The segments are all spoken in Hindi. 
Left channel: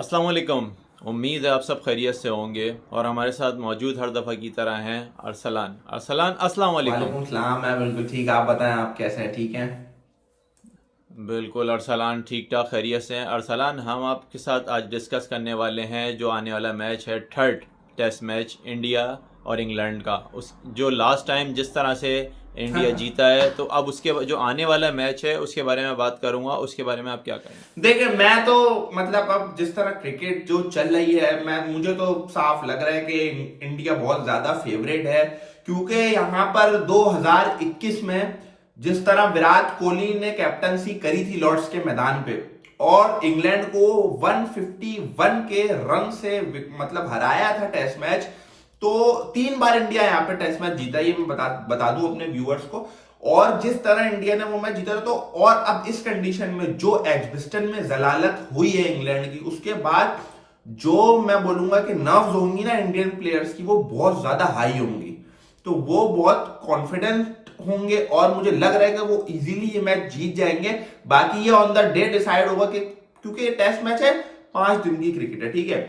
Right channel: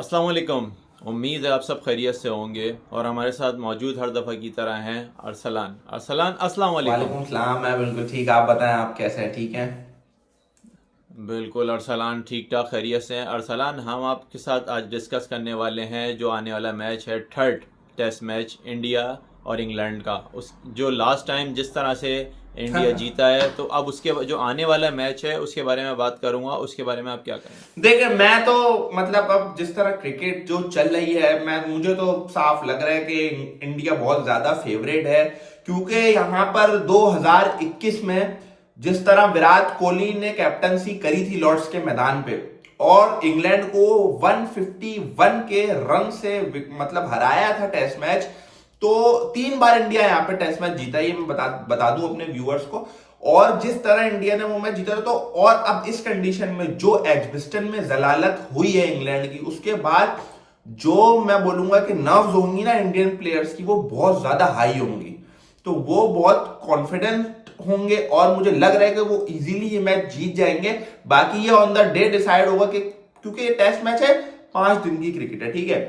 अस्सलाम वालेकुम। उम्मीद है आप सब खैरियत से होंगे और हमारे साथ मौजूद हर दफ़ा की तरह हैं अरसलान। अरसलान, अस्सलाम वालेकुम। वालेकुम सलाम। मैं बिल्कुल ठीक। आप बताएं, आप कैसे हैं? ठीक हैं? बिल्कुल अरसलान, ठीक ठाक खैरियत से हैं। अरसलान, हम आपके साथ आज डिस्कस करने वाले हैं जो आने वाला मैच है, थर्ड टेस्ट मैच इंडिया और इंग्लैंड का। उस जो लास्ट टाइम जिस तरह से इंडिया जीता है, तो अब उसके जो आने वाला मैच है उसके बारे में बात करूंगा। उसके बारे में आप क्या कहेंगे? देखिए, मैं तो मतलब अब जिस तरह क्रिकेट जो चल रही है, मैं मुझे तो साफ लग रहा है कि इंडिया बहुत ज्यादा फेवरेट है। क्योंकि यहां पर 2021 में जिस तरह विराट कोहली ने कैप्टनसी करी थी लॉर्ड्स के मैदान पे और इंग्लैंड को 151 के रन से मतलब हराया था टेस्ट मैच। तो 3 बार इंडिया यहाँ पे टेस्ट मैच जीता, ये मैं बता दूं अपने व्यूअर्स को। और जिस तरह इंडिया ने वो मैच जीता था, तो और अब इस कंडीशन में जो एजबिस्टन में जलालत हुई है इंग्लैंड की, उसके बाद जो मैं बोलूंगा कि नर्व्स होंगी ना इंडियन प्लेयर्स की, वो बहुत ज्यादा हाई होंगी। तो वो बहुत कॉन्फिडेंट होंगे और मुझे लग रहा है कि वो इजीली ये मैच जीत जाएंगे। बाकी ये ऑन द डे डिसाइड होगा कि, क्योंकि ये टेस्ट मैच है, 5 दिन की क्रिकेट है, ठीक है।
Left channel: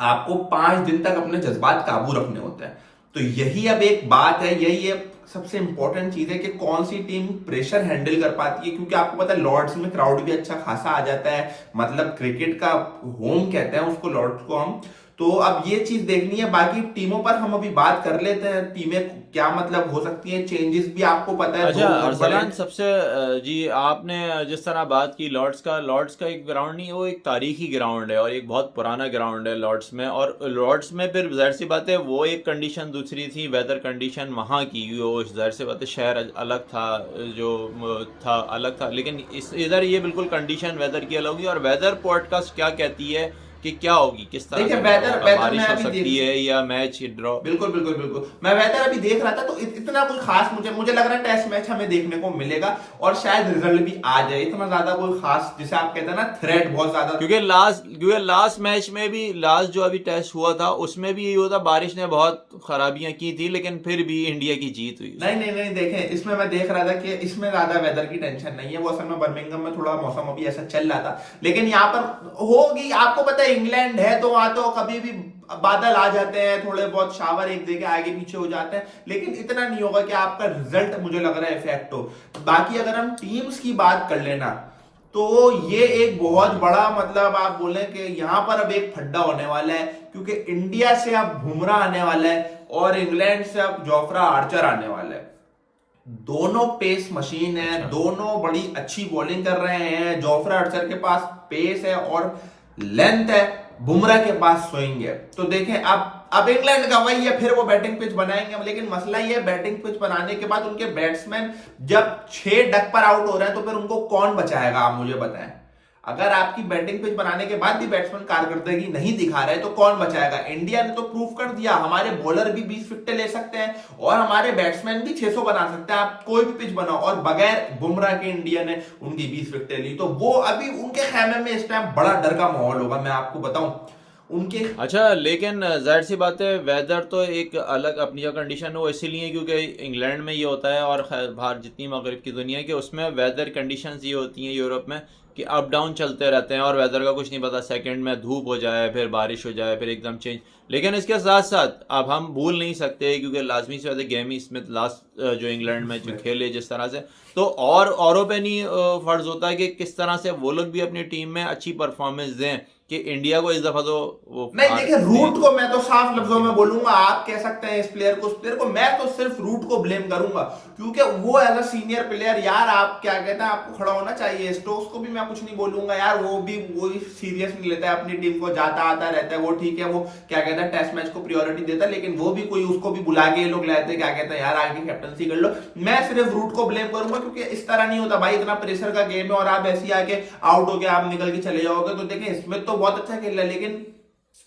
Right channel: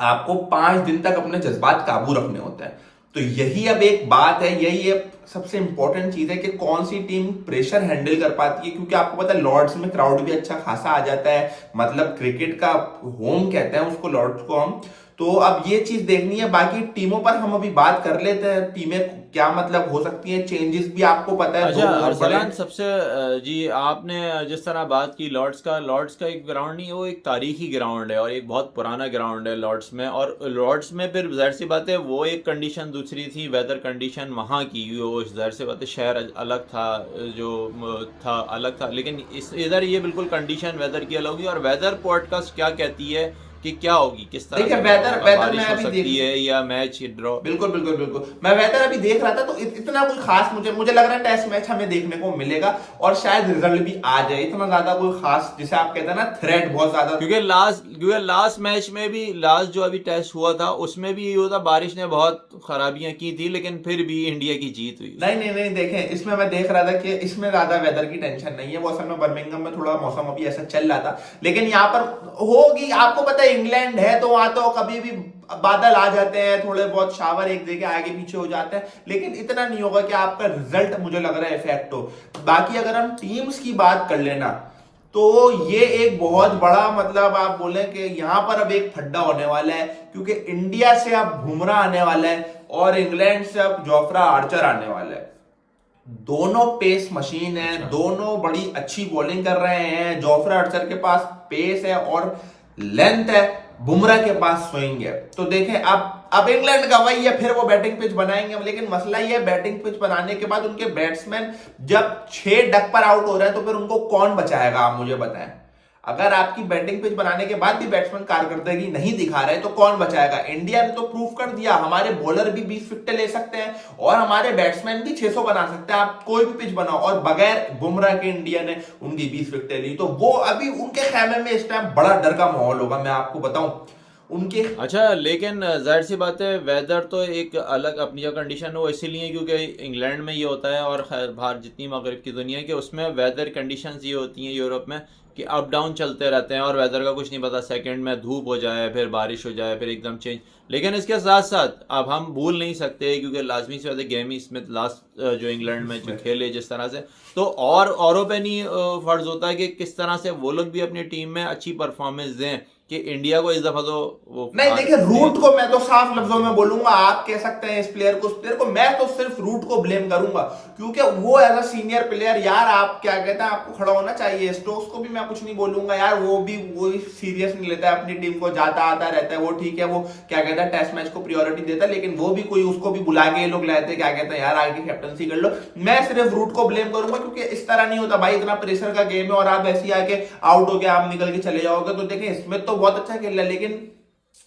आपको 5 दिन तक अपने जज्बात काबू रखने होते हैं। तो यही अब एक बात है, यही है सबसे इंपॉर्टेंट चीज है कि कौन सी टीम प्रेशर हैंडल कर पाती है। क्योंकि आपको पता है लॉर्ड्स में क्राउड भी अच्छा खासा आ जाता है, मतलब क्रिकेट का होम कहते हैं उसको, लॉर्ड्स को हम। तो अब ये चीज देखनी है। बाकी टीमों पर हम अभी बात कर लेते हैं, टीमें क्या मतलब हो सकती हैं, चेंजेस भी आपको पता है, अच्छा दो बहुत बड़े। अरसलान, सबसे जी आपने जिस तरह बात की लॉर्ड्स का एक ग्राउंड नहीं, वो एक तारीखी ग्राउंड है और एक बहुत पुराना ग्राउंड है लॉर्ड्स में। और लॉर्ड्स में फिर जाहिर सी बात है वो एक कंडीशन दूसरी थी, वेदर कंडीशन वहाँ की, वो जाहिर सी बात है शहर अलग था, जो था अलग था। लेकिन इस इधर ये बिल्कुल कंडीशन वेदर की अलग होगी। और वेदर पॉडकास्ट क्या कहती है कि क्या होगी, किस तरह देखिए, से वेदर वेदर होगा, वेदर मैं बारिश हो अभी सकती देख, है या मैच ड्रॉ? बिल्कुल बिल्कुल बिल्कुल, मैं वेदर अभी देख रहा था तो इतना कोई खास मुझे मुझे लग रहा है टेस्ट मैच हमें देखने को मिलेगा और शायद रिजल्ट भी आ जाए। इतना ज्यादा कोई खास, जिसे आप कहते हैं ना, थ्रेट बहुत ज्यादा। क्योंकि लास्ट मैच में भी, लास्ट जो अभी टेस्ट हुआ था उसमें भी ये हुआ था, बारिश ने बहुत खराबियां की थी लेकिन फिर भी इंडिया की जीत हुई नहीं उसमें। नहीं नहीं, देखें, इसमें मैं देख रहा था कि इसमें ज्यादा वेदर की टेंशन नहीं है। वो असल में बर्मिंघम में थोड़ा मौसम अभी ऐसा चल रहा था, लेकिन यहाँ पर होगी। आपको पता है इंग्लैंड है तो वहां तो कभी भी बादल आ जाते हैं, थोड़े बहुत शावर एक जगह आगे पीछे हो जाते हैं, लेकिन इतना नहीं होगा कि आपका रिजल्ट मुझे लग रहा है इफेक्ट हो। बाकी अगर हम टीम्स की बात कर लेना, तो ये एक बहुत बड़ा, मतलब आप बोले कि यहां पर अब एक फड्डा होने वाला है। क्योंकि इंडिया से अब बुमराह आने वाला है और इंग्लैंड से अब जोफ्रा आर्चर आने वाला है। दोनों पेस मशीन है, अच्छा। दोनों बड़ी अच्छी बॉलिंग कर रहे हैं। जोफ्रा आर्चर के पास पेस है और लेंथ है, बुमराह के पास स्विंग है। तो देखें, अब इंग्लैंड का वही है, फिर वो बैटिंग पिच बनाएंगे। लेकिन मसला ये है, बैटिंग पिच बनाने के बाद उनके बैट्समैन जब 6 डक पर आउट हो रहे हैं, तो फिर उनको कौन बचाएगा, आप मुझे बताएं। अगर आपकी बैटिंग पिच बनाने के बाद भी बैट्समैन कारकर्दगी नहीं दिखा रहे तो कौन बचाएगा? इंडिया ने तो प्रूफ कर दिया, हमारे बॉलर भी 20 विकेट ले सकते हैं और हमारे बैट्समैन भी 600 बना सकते हैं। आप कोई भी पिच बनाओ, और बगैर बुमराह के इंडिया ने उनकी 20 विकेट ली। तो वो अभी उनके खेमे में इस टाइम बड़ा डर का माहौल होगा, मैं आपको बताऊं उनके। अच्छा, लेकिन जाहिर सी बात है वेदर तो एक अलग अपनी जगह कंडीशन हो, इसीलिए क्योंकि इंग्लैंड में ये होता है और खैर बाहर जितनी मगरब की दुनिया है कि उसमें वेदर कंडीशंस ये होती हैं यूरोप में कि अप डाउन चलते रहते हैं और वेदर का कुछ नहीं पता, सेकंड में धूप हो जाए, फिर बारिश हो जाए, फिर एकदम चेंज। लेकिन इसके साथ साथ अब हम भूल नहीं सकते, क्योंकि लाजमी से ज़्यादा गेमी स्मिथ लास्ट जो इंग्लैंड में जो खेले जिस तरह से, तो और औरों पे नहीं फर्ज होता है कि किस तरह से वो लोग भी अपनी टीम में अच्छी परफॉर्मेंस दें कि इंडिया को इस दफा तो वो नहीं, हार देखिए, दें रूट को मैं तो साफ लफ्जों उनकी में वजह से। बोलूंगा, आप कह सकते हैं इस प्लेयर को उस प्लेयर को, मैं तो सिर्फ रूट को ब्लेम करूंगा। क्योंकि वो एज अ सीनियर प्लेयर, यार आप क्या कहते हैं, आपको खड़ा होना चाहिए। स्टोक्स को भी मैं कुछ नहीं बोलूंगा यार, वो सीरियस नहीं लेता है अपनी टीम को, जाता आता रहता है वो, ठीक है। वो क्या कहता है, टेस्ट मैच को प्रियोरिटी देता है, लेकिन वो भी कोई उसको भी बुला के ये लोग लाते हैं, क्या कहते हैं यार आगे कैप्टनसी कर लो। मैं सिर्फ रूट को ब्लेम करूंगा, क्योंकि इस तरह नहीं होता भाई, इतना प्रेशर का गेम है और आप ऐसे ही आके आउट हो गए, आप निकल के चले जाओगे। तो देखें, इसमें तो बहुत अच्छा खेल रहा है, लेकिन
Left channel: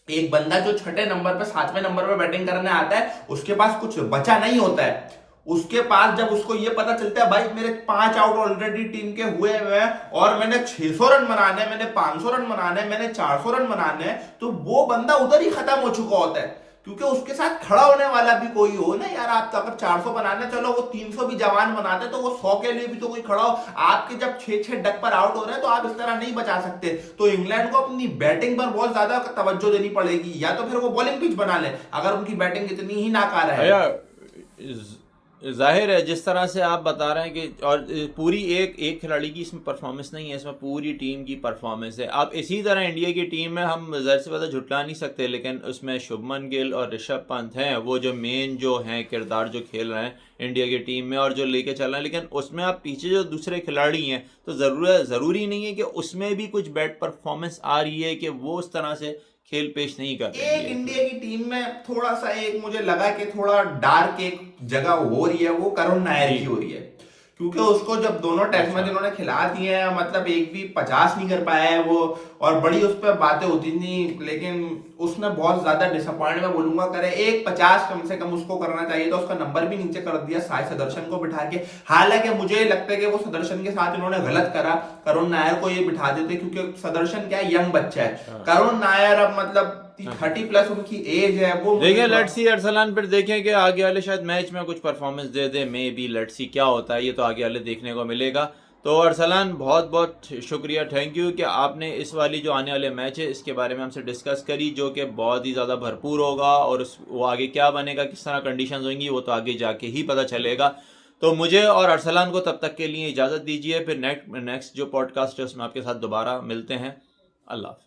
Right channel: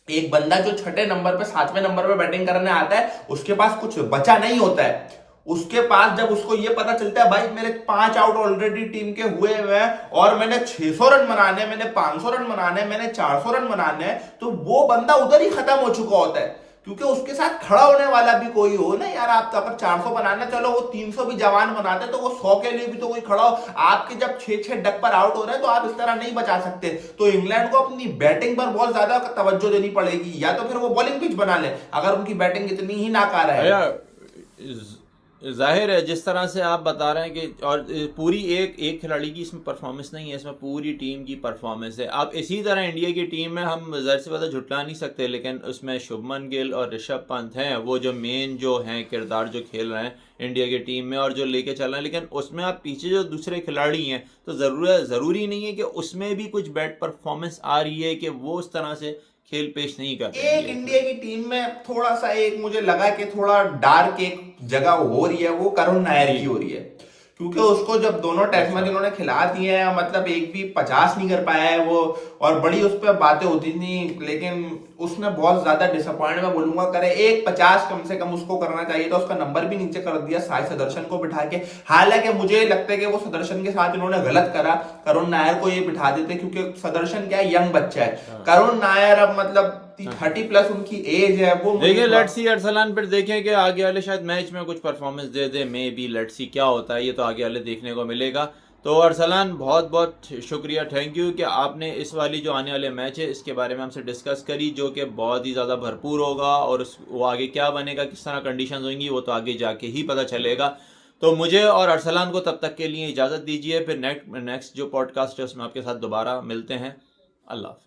एक बंदा जो छठे नंबर पे, 7वें नंबर पे बैटिंग करने आता है, उसके पास कुछ बचा नहीं होता है। उसके पास जब उसको ये पता चलता है भाई मेरे 5 आउट ऑलरेडी टीम के हुए हुए हैं और मैंने 600 रन बनाने हैं, मैंने 500 रन बनाने हैं, मैंने 400 रन बनाने हैं, तो वो बंदा उधर ही खत्म हो चुका होता है। क्योंकि उसके साथ खड़ा होने वाला भी कोई हो ना यार। आप तो अगर 400 बनाना, चलो वो 300 भी जवान बनाते तो वो 100 के लिए भी तो कोई खड़ा हो। आपके जब 6-6 डक पर आउट हो रहे हैं तो आप इस तरह नहीं बचा सकते। तो इंग्लैंड को अपनी बैटिंग पर बहुत ज्यादा तवज्जो देनी पड़ेगी, या तो फिर वो बॉलिंग पिच बना ले अगर उनकी बैटिंग इतनी ही नाकारा है। भैया जाहिर है जिस तरह से आप बता रहे हैं कि, और पूरी एक एक खिलाड़ी की इसमें परफॉर्मेंस नहीं है, इसमें पूरी टीम की परफॉर्मेंस है। अब इसी तरह इंडिया की टीम में हम ज़ाहिर सी बात है झुटला नहीं सकते, लेकिन उसमें शुभमन गिल और ऋषभ पंत हैं, वो जो मेन जो हैं किरदार जो खेल रहे हैं इंडिया की टीम में और जो लेके चल रहे हैं। लेकिन उसमें आप पीछे जो दूसरे खिलाड़ी हैं तो ज़रूरी नहीं है कि उसमें भी कुछ बैड परफॉर्मेंस आ रही है कि वो उस तरह से खेल पेश नहीं कर रहे एक इंडिया की टीम में थोड़ा सा एक मुझे लगा कि थोड़ा डार्क एक जगह हो रही है, वो करुण नायर की हो रही है। क्योंकि उसको जब दोनों टेस्ट मैच इन्होंने खिला दिए हैं, मतलब एक भी 50 नहीं कर पाया है वो, और बड़ी उस पर बातें होती थी, लेकिन उसने बहुत ज्यादा डिसअपॉइंट मैं बोलूंगा करे। एक 50 कम से कम उसको करना चाहिए था, उसका नंबर भी नीचे कर दिया साई सुदर्शन को बिठा के। हालांकि मुझे लगता है कि वो सुदर्शन के साथ इन्होंने गलत करा, करुण नायर को ये बिठा देते, क्योंकि सुदर्शन क्या है, यंग बच्चा है। करुण नायर अब मतलब 30+ उनकी एज है। वो देखिए लेट्स सी अरसलान, फिर देखें कि आगे वाले शायद मैच में कुछ performance they they, may be let's see क्या होता है, ये तो आगे वाले देखने को मिलेगा। तो अरसलान बहुत बहुत शुक्रिया, थैंक यू कि आपने इस वाली जो आने वाले मैच है इसके बारे में हमसे डिस्कस करी, जो कि बहुत ही ज़्यादा भरपूर होगा, और वो आगे क्या बनेगा, किस तरह कंडीशंस होंगी, वो तो आगे जाके ही पता चलेगा। तो मुझे और अरसलान को तब तक के लिए इजाज़त दीजिए, फिर नेक्स्ट जो पॉडकास्ट है उसमें आपके साथ दोबारा मिलते हैं। अल्लाह।